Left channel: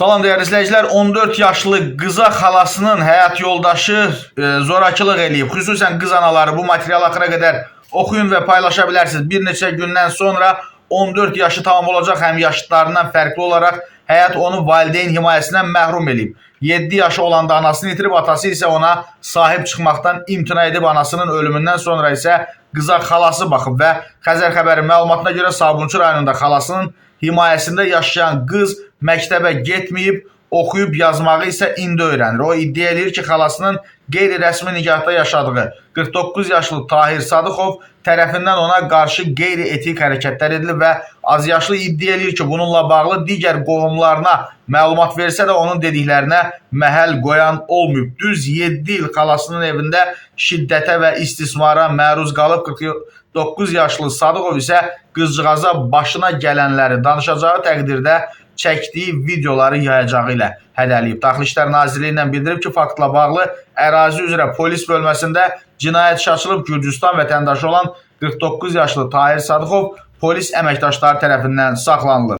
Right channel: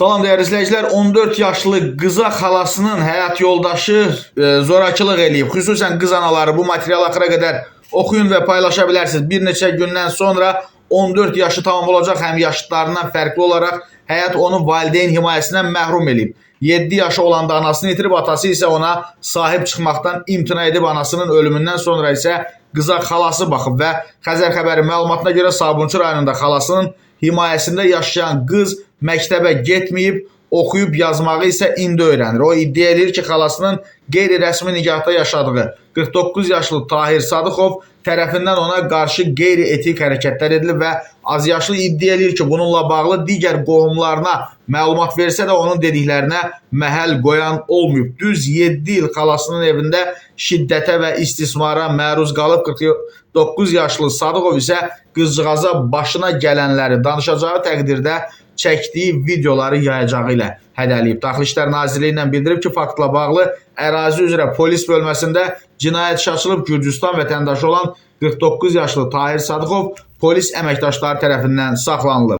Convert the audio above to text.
Salam değerli izləyicilər, 14 yaşlı qıza xalasının həyat yoldaşı zorakılıq eləyib. Xüsusən qız anaları bu materialı axıra qədər oxuyun və paylaşa bilərsiniz. Bir neçə gündən sonra 14 yaşı tamam olacaq, həm yaşıtlarından fərqli olaraq həyat onu valideyn himayəsindən məhrum eləyib. 7 yaşı olanda anasını itirib, atası isə ona sahib çıxmaqdan imtina edib, anasının ölümündən sonra isə qıza xalası baxıb və Xəzər xəbəri məlumatına görə Sabunçu rayonunda xalasının himayəsində yaşayan qız məktəbə getməyib, oxuyub yazmağı isə indi öyrənir. O iddia edir ki, xalasının qeyri-rəsmi nikahda yaşadığı 49 yaşlı Tahir Sadıxov tərəfindən ona qarşı qeyri-etik hərəkətlər edilib və azyaşlı iddia edir ki, bununla bağlı digər qohumlarına məlumat versə də onun dediklərinə məhəl qoyan olmayıb. Düz 7 il xalasının evində şiddətə və istismara məruz qalıb. 49 yaşlı Sadıxov isə qızcığaza başına gələnləri danışacağı təqdirdə çəkdiyi videoları yayacağı ilə hədəliyib. Daxili İşlər Nazirliyi ilə bildirib ki, faktla bağlı ərazi üzrə polis bölməsində cinayət işi açılıb. Gürcüstan vətəndaşı olan 49 yaşlı Tahir Sadıxov polis əməkdaşları tərəfindən saxlanılıb.